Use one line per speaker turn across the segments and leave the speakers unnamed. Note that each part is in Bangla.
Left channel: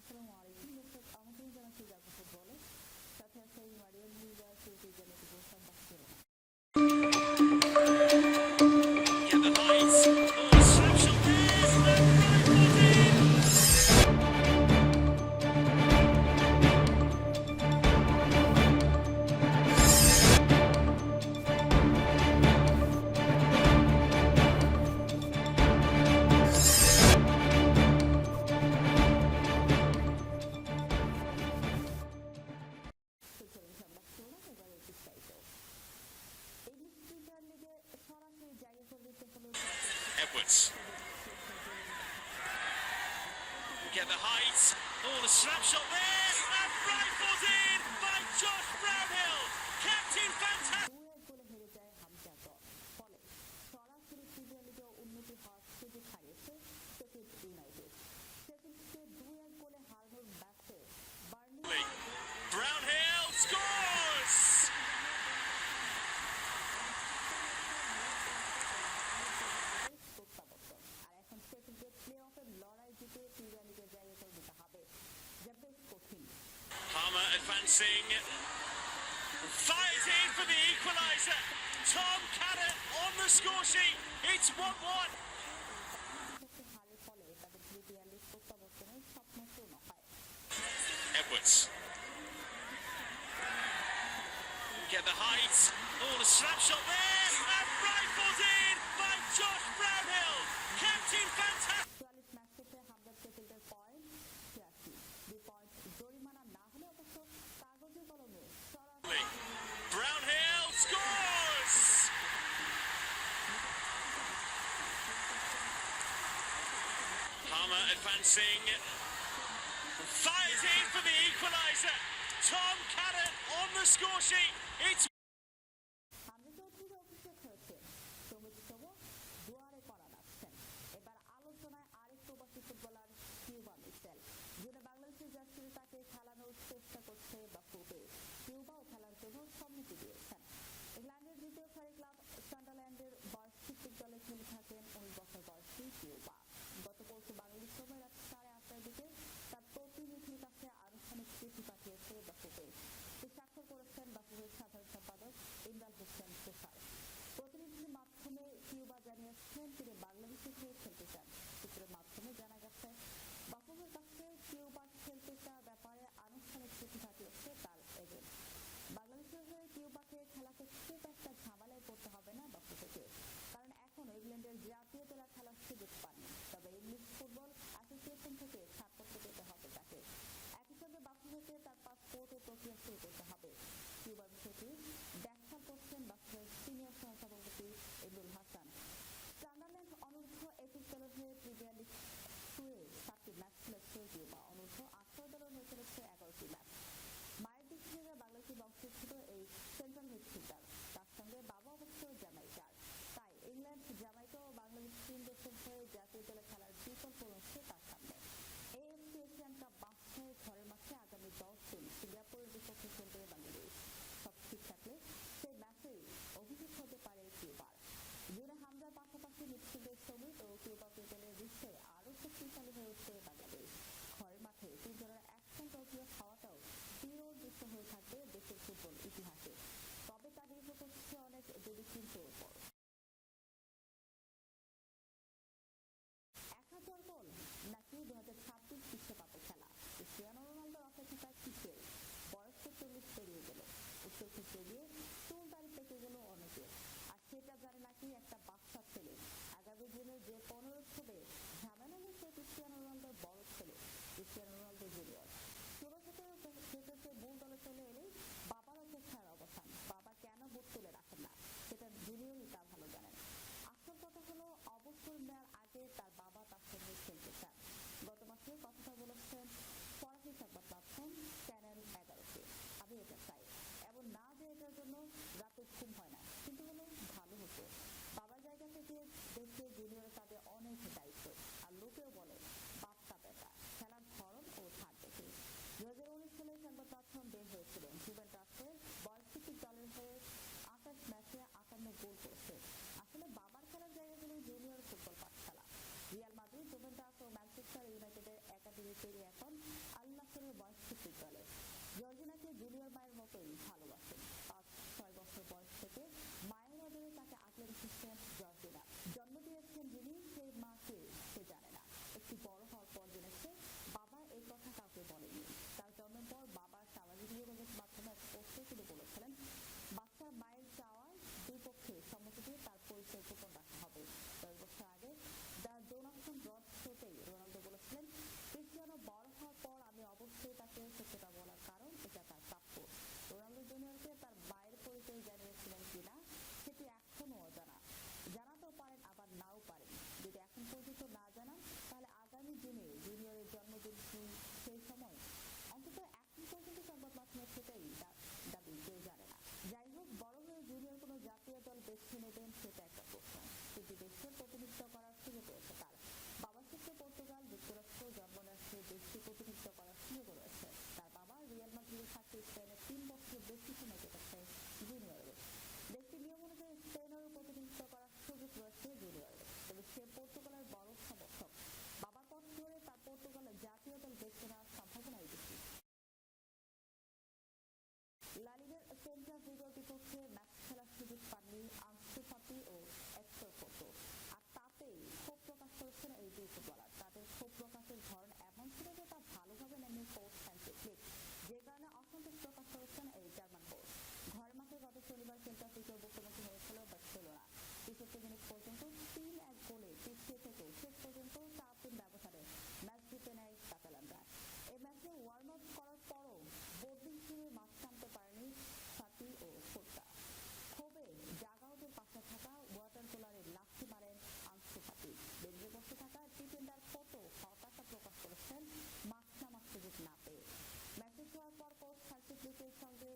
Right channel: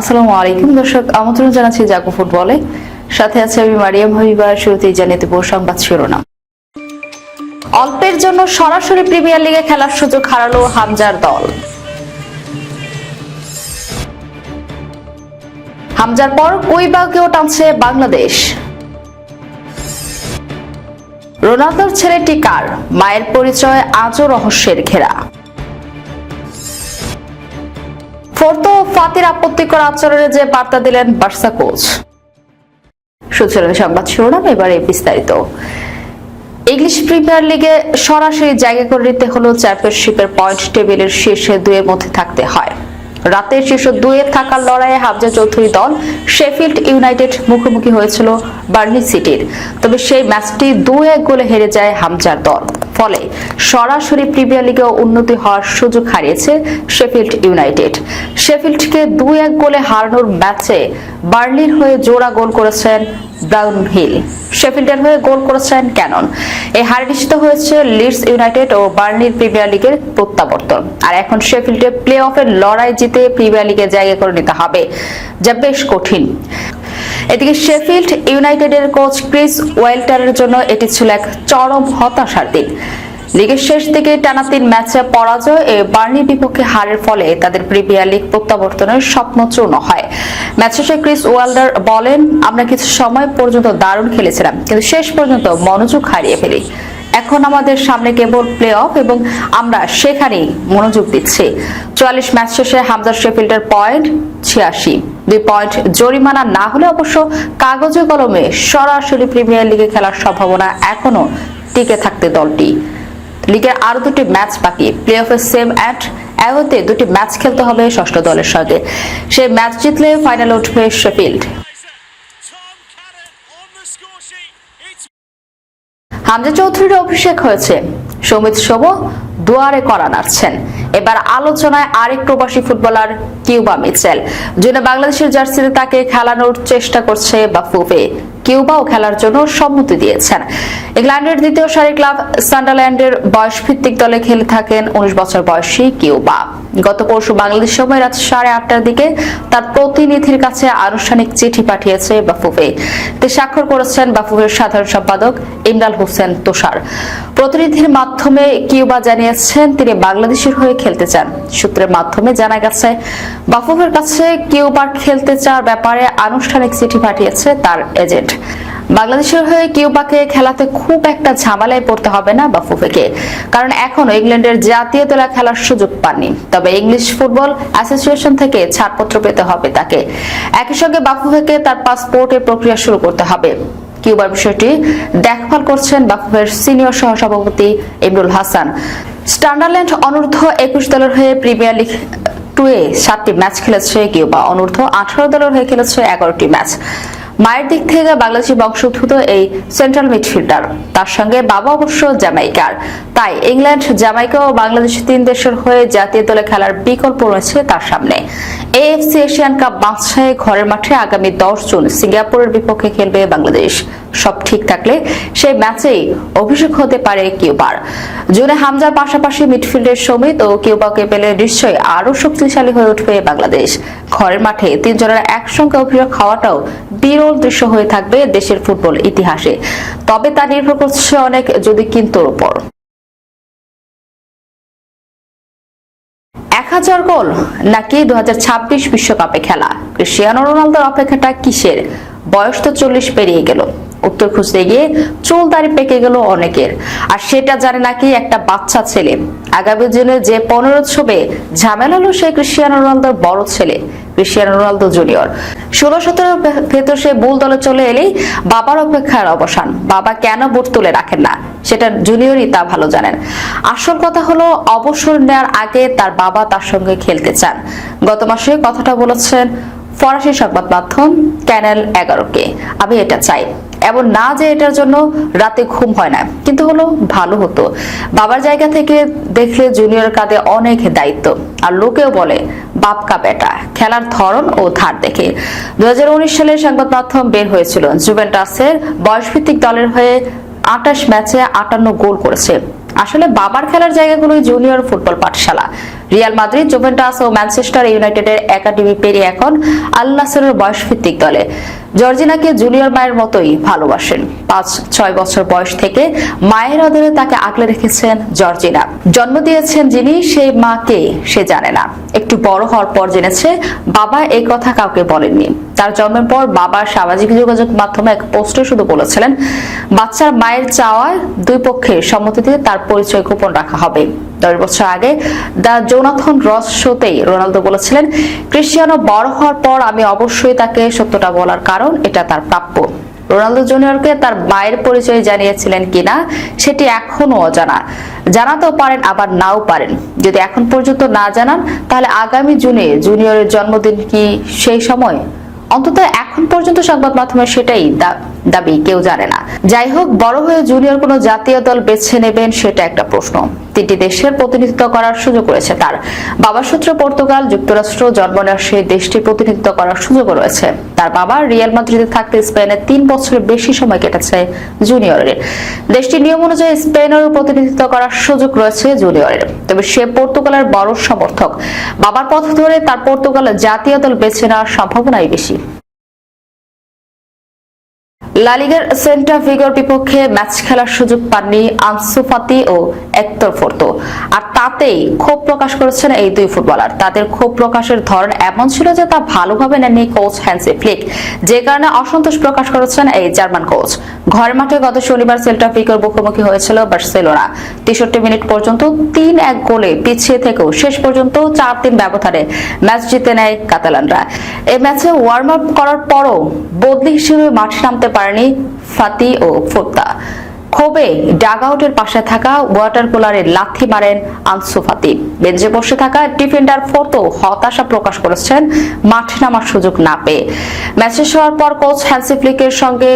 আসসালামু আলাইকুম। দর্শক, আমন্ত্রণ জানাচ্ছি জাগো ফুটবলে। সাথে আছে আমি মারিয়াম হাবিবা, শুরুতেই জানিয়ে দেব সংবাদ শিরোনাম। অল্পের জন্য সরাসরি প্রিমিয়ার লিগে খেলার সুযোগ হারালো হামজার দল। হামজার পর কুইবাকেও টানছে বাংলাদেশ। রোনালদোর ছেলেটি কার? মায়ের পরিচয়, আজও রহস্যের ঘেরা। ফোর্তো ফাতির আপত্তিকর আচরণে যে বার্তা দিলেন বার্সা কোচ। সুচরণ সংবাদ শিরোনাম, এবারে বিস্তারিত। ইংলিশ প্রিমিয়ার লিগে সরাসরি জায়গা করে নিতে হলেও চ্যাম্পিয়নশিপের পয়েন্ট টেবিলের শীর্ষে দুয়ের মধ্যে থাকতে হয়। রাতের শীর্ষ দুয়ে থাকার লড়াইয়ে হামজা চৌধুরী দল শেফিল্ড ইউনাইটেড মুখোমুখি হয়েছিল বার্নি সিটির। তবে সেই ম্যাচটি দু এক গোলে হেরে যায় হামজার দল। সরাসরি প্রিমিয়ার লিগেও উন্নতি হওয়ার সুযোগ হারিয়েছে শেফিল্ড ইউনাইটেড। শেফিল্ডকে দুই এক গোলে হারানোর ম্যাচে বার্লির হয়ে জোড়া গোল করেছেন ব্রাউন হিল। শেফিল্ডের হয়ে গোল করেছেন ক্যানন। এই হার নিশ্চিত হয়েছে লিডস ইউনাইটেড ও বার্নির প্রিমিয়ার লিগের প্রত্যাবর্তন। আর এখন শেফিল্ডে প্লে অফের লড়াই জিতে প্রিমিয়ার লিগে জায়গা করে নিতে হবে, যা বেশ কঠিন। এদিকে শেফিল্ড ইউনাইটেডের কোচ ক্রিস ওয়েল্টারের জন্য এটি ছিল এক চরম হতাশার দিন। লিগের শেষ দিকে টানা তিন ম্যাচে পরাজয়, এ বার্নির বিপক্ষে হারের ফলে তাদের প্রিমিয়ার লিগ প্রত্যাবর্তনের স্বপ্ন চূর্ণ হয়। ম্যাচ শেষে ক্রিস ওয়াল্ডার বলেন, আমরা কিছু সময় পর্যন্ত দারুণ খেলেছিলাম, কিন্তু শেষ পর্যন্ত মনোযোগ হারিয়ে ফেলি। এখন আমাদের সামনে কেবল প্লে অফ এবং আমরা সেখানেই মনোযোগ দিচ্ছি। চুয়াল্লিশ ম্যাচ শেষে হামজার শেফিল্ডের পয়েন্ট ছিয়াশি। দুই পয়েন্ট জরিমানা না হলে অবশ্য কাগজে কলমে সরাসরি প্রিমিয়ার লিগে খেলার সম্ভাবনা এখনও টিকে থাকতে দলটি। লিগের আরও দুটি ম্যাচ বাকি। প্লে অফের সেম অ্যাট অ্যাওয়েতে দুটি ম্যাচ খেলতে হবে ষষ্ঠ দলের সঙ্গে। সেই ম্যাচ জিতলে ফাইনালে উঠবে শেফিল্ড হামজা চৌধুরীর অভিষেক হয়েছে। সমিত শোভ দুয়ারে করা নাড়ছেন। এবার আলোচনায় আরেক প্রবাসী ফুটবলার কিউবা মিচেল। জুনে বাংলাদেশের জার্সিতে তাকে খেলানোর চেষ্টা করছে বাফুফে। কিউবাও খেলার জন্য সম্মতি দিয়েছেন। ইংল্যান্ডের দ্বিতীয় সারি ক্লাব সান্ডারল্যান্ডের বয়স ভিত্তিক দলে খেলে থাকেন উনিশ বছর বয়সী কিউবা। গত পরশু বাংলাদেশ সময় রাত সাড়ে আটটার দিকে তার প্রতিনিধির কাছে আনুষ্ঠানিক চিঠি পাঠিয়েছে বাফুফে। তে স্বাক্ষর করেছেন বাফুফের সাধারণ সম্পাদক ইমরান হোসেন তোষার। প্রতিনিধির মাধ্যমে কিউবা জানিয়েছেন তিনি বাংলাদেশের হয়ে খেলতে চান। সূত্রের মাধ্যমে জানা গেছে বাফুফের কাছে কিউবার খেলতে চাওয়ার ব্যাপারে আনুষ্ঠানিক চিঠি পাঠিয়েছে তার এজেন্ট। বাংলাদেশের হয়ে কিউবাকে খেলাতে খুব একটা ঝামেলায় পড়তে হবে না বাফুফেকে, কারণ এখনও ইংল্যান্ডের জাতীয় দলে খেলার সুযোগ পাননি। তবে ইংলিশ ফুটবল অ্যাসোসিয়েশন থেকে ছাড়পত্র পেতে হবে তাকে। একই সঙ্গে বাফুফেকে তার পাসপোর্টের প্রক্রিয়া শুরু করতে হবে। কিউবার বিষয়টি দেখভাল করছেন বাফুফের সিনিয়র সহসভাপতি ইমরুল হাসান। স্টান্ডারল্যান্ড অনূর্ধ্ব একুশ দলের হয়ে প্রিমিয়ার লিগ টুয়ে সাতটি ম্যাচ খেলেছে কিউবা। অনূর্ধ্ব আঠারো দলের হয়ে খেলেছে এগারোটি ম্যাচ। মায়ের দিক থেকে বাংলাদেশি বংশোদ্ভূত এই সেন্ট্রাল মিডফিল্ডার তার সঙ্গে বাবা অবশ্য জামাইকার তাই ইংল্যান্ড জামাইকা ও বাংলাদেশ তিন দেশের হয়ে জাতীয় দলে খেলার বিকল্প রয়েছে তার সামনে। এএফসি এশিয়ান কাপ বাদশাহে ঘরের মাঠে আগামী দশ জুন সিঙ্গাপুরের বিপক্ষে খেলবে বাংলাদেশ। সব ঠিক থাকলে সেই ম্যাচেই অভিষেক হতে পারে কিউবার। জুনে হামজার পাশাপাশি মিডফিল্ডের সমিত ও কিউবাকে পেলে নিশ্চয়ই আরও শক্তিশালী হয়ে উঠবে বাংলাদেশ। ঘরের মাঠে তিনজনের একসঙ্গে অভিষেক হওয়াটাও বিরল দৃশ্য হয়ে থাকবে দেশের ফুটবল ইতিহাসে। তবে তা নির্ভর করছে অনেক যদি কিন্তুর উপর। এক হাজার গোল নাকি দু বিশ্বকাপে খেলা। ক্রিস্টিয়ানো রোনালদোর অপেক্ষাটা কিসের? বয়স তো চল্লিশ পেরিয়ে গেল। উত্তর খুঁজতে গিয়ে চুল দাড়ি পেকে গেল অনেকের। আর সেটা জানে নাকি একটা বাচ্চা ছেলে। আগামী দিনে যে পনেরো ছবে ঝামেলা হলো সেই ক্রিস্টিয়ানো রোনালদোর বড় ছেলে ক্রিস্টিয়ানো রোনালদো জুনিয়র। ষোলো সতেরো ভেতর সে বুল দলে চলে এলেই বাবার অপেক্ষার অবসান। বাবা কেন বুট তুলে রাখেন না? সেটা জুনিয়রই তা ভালো জানেন। আসল কথা হলো, অবসর নেওয়ার আগে তার বাবা তার সঙ্গে খেলতে চান। গত মাসে কথাটা বলেছেন ফরাসি সংবাদ মাধ্যম ক্যানেল এগারোকে। আমি এটা চাই। এমন না যে এটার জন্য রাতে ঘুম হয় না, কিন্তু হলো ভালো হতো। বাবার জায়গা থেকে দেখলে জুনিয়র কাঁধে অনেক দায়িত্ব। আর লোকেও বলে, বাপ কা বেটা, খেলার ধরন ও ধার দেখে। দু হাজার উনিশ সালে সংবাদ মাধ্যম বের হয়েছিল। জুভেন্টাসের বয়সভিত্তিক দলের হয়ে আটাশ ম্যাচে আটান্ন গোল করেছে। আসলে বাবার খেলার জায়গাগুলোই জুনিয়র ফুটবল পাঠশালা। রিয়াল মাদ্রিদ, জুভেন্টাস ও ম্যানচেস্টার ইউনাইটেডের একাডেমি পেরিয়ে এখন আল নাসেরের বয়সভিত্তিক দলে। জর্জিনাকে জুনিয়র মায়ের মতোই ভালোবাসেন। পাঁচ, ছয় বছর বয়স থেকে মায়ের আদরে তাকে আগলে রেখেছেন জর্জিনা। জন্ম দিয়েছেন যিনি, সেই মাকে সে জানে না। একটু বড় হওয়ার পর জেনেছে, বাবা এই কথা কাউকে বলেননি। তার জন্মের পর বাবা সামাজিক যোগাযোগ মাধ্যমে এক পোস্টে শুধু বলেছিলেন, বাচ্চার মায়ের চাওয়ায় দুই পক্ষের সম্মতিতে তার পরিচয় গোপন রাখা হবে। দশ বছর আগে দ্য জোনাথন রস শোতেই রোনালদো বলেছিলেন, ক্রিশ্চিয়ানো বড় হওয়ার পর আমি অবশ্যই তাকে সত্যটা বলার কারণ, এটা তার প্রাপ্য। রোনালদো জুনিয়রকে তার মায়ের পরিচয় জানিয়েছিলেন কিনা, সেটি এখনও অজানা। জানাতেও পারেন, আবার নাও পারেন। যদি এখন পর্যন্ত না জানান, তাহলে আগামী জুনে জুনিয়রের জন্মদিন কি সেই সময়? অন্তত এখন পর্যন্ত সংবাদ মাধ্যমে সেটাই দাবি কেউ জানে না। যাই হোক বড় হয়ে জুনিয়র কোনো জাতীয় দল বেছে নেবেন সেটা একটা প্রশ্ন। তিনটি দেশের প্রতিনিধিত্ব করার সুযোগ রয়েছে তার। বাবা সূত্র পর্তুগাল, যুক্তরাষ্ট্র জন্ম সেই দেশটির প্রতিনিধিত্ব করার সুযোগ রয়েছে। তার বাবা রিয়াল মাদ্রিদে থাকতে স্পেনে তিন বছরের বেশি সময় কেটেছে জুনিয়রের। দেশটির নিয়ম অনুযায়ী স্পেনেরও প্রতিনিধিত্ব করার সুযোগ রয়েছে জুনিয়রের। তবে সে পর্তুগালের বড় সমর্থক। বাবার পথ ধরে তার পর্তুগালের জাতীয় দল বেছে নেওয়ার সম্ভাবনাই বেশি। লালিগার সেন্টা ভিগোর বিপক্ষে ম্যাচ খেলার সুযোগ পাননি আনসু ফাতি ও একতর ফোর্তো। আর তাতেই ক্ষোভ প্রকাশ করেছেন এই দুই ফুটবলার। তাদের ক্ষোভ প্রকাশের ধরন এমন ছিল যে তা ভালোভাবে নেননি কোচ হ্যান্সি ফ্লিক। যে কারণে অসন্তোষ প্রকাশ করেছেন এই জার্মান কোচ। ঘরের মাঠে গত শনিবার সেল্টা ভিগোর মুখোমুখি হয়েছিল বার্সেলোনা। তেষট্টি মিনিট পর্যন্ত তিন এক গোলে পিছিয়ে থেকেও শেষ পর্যন্ত চার তিন ব্যবধানে ম্যাচ জিতে নেয় কাতালানরা। এই ম্যাচে ওয়ার্ম আপ করার পরও বদলি হিসেবে মাঠে নামতে পারেনি ফাতি ও ফোর্তা। ক্ষোভে ডাগাউটের পাশে থাকা ওয়াটার কুলারে লাথি মারেন আনসু ফাতি। বেঞ্চে বসে থাকা ডিফেন্ডার ফোর্তো হতাশা প্রকাশ করেছেন, মাঠে নামার সুযোগ না পেয়ে। ম্যাচ হওয়ার পর কোচ হ্যান্সি ফ্লিকের সঙ্গে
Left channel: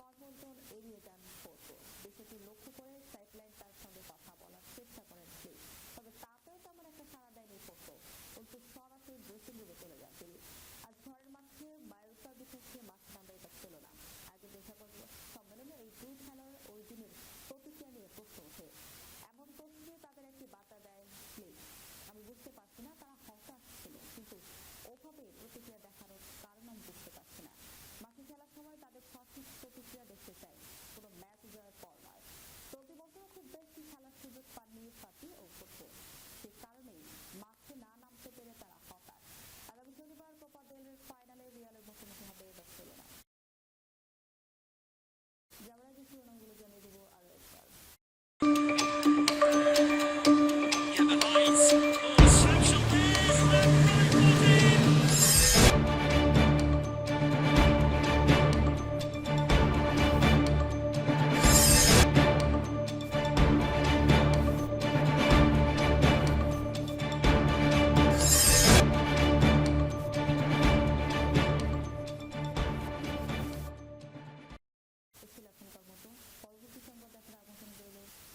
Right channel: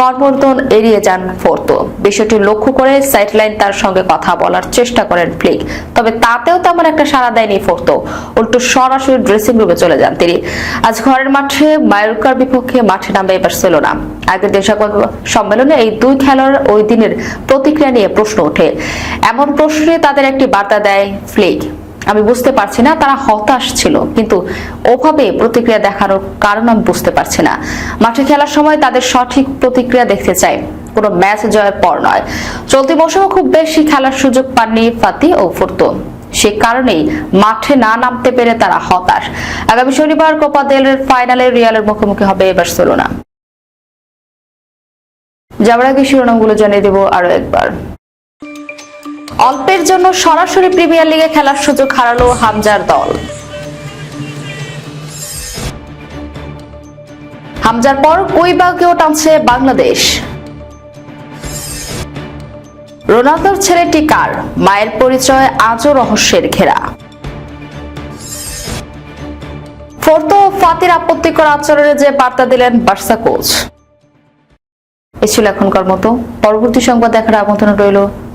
কর্মর্দন এড়িয়ে যান ফোর্তো। বিষয়টি লক্ষ্য করে সাইডলাইন তার সঙ্গে কথা বলার চেষ্টা করেন ফ্লিক। তবে তাতেও তেমন একটা সাড়া দেয়নি ফোর্তো। উল্টো সরাসরি ড্রেসিং রুমে চলে যান তিনি। আজ ঘরের মাঠে মায়োরকার বিপক্ষে মাঠে নামবে বার্সেলোনা। আগের দিন সংবাদ সম্মেলনে এই দুই খেলোয়াড় ওই দিনের প্রতিক্রিয়া নিয়ে প্রশ্ন ওঠে। এমন প্রশ্নে তাদের একটি বার্তা দেয় ফ্লিক। আমি বুঝতে পারছি না, তারা হতাশ ছিল, কিন্তু ওভাবে প্রতিক্রিয়া দেখানোর কারণ আমি বুঝতে পারছি না। মাঠে খেলার সময় তাদের সঠিক প্রতিক্রিয়া দেখতে চাই, কোনো ম্যাচ জয়ের পর নয়। চলতি মৌসুমে খুব বেশি খেলার সুযোগ পাননি ফাতি ও ফুরতো। সে কারণেই মাঠে না নামতে পেরে তারা হতাশ। আগামী শনিবার কোপা দেলের ফাইনালে রিয়ালের মুখোমুখি হবে বার্সেলোনা। যাওয়ার আগে শিরোনামগুলো জানিয়ে দেবো আরও একবার। অল্পের জন্য সরাসরি প্রিমিয়ার লিগে খেলার সুযোগ হারালো হামজার দল। হামজার পর কুইবাকেও টানছে বাংলাদেশ। রোনালদোর ছেলেটি কার মায়ের পরিচয় আজও রহস্যের ঘেরা। ফোর্তো ফাতির আপত্তিকর আচরণে যে বার্তা দিলেন বার্সা কোচ। এ ছিল এখনকার মতো। পরবর্তী সংবাদ দেখার আমন্ত্রণ রইল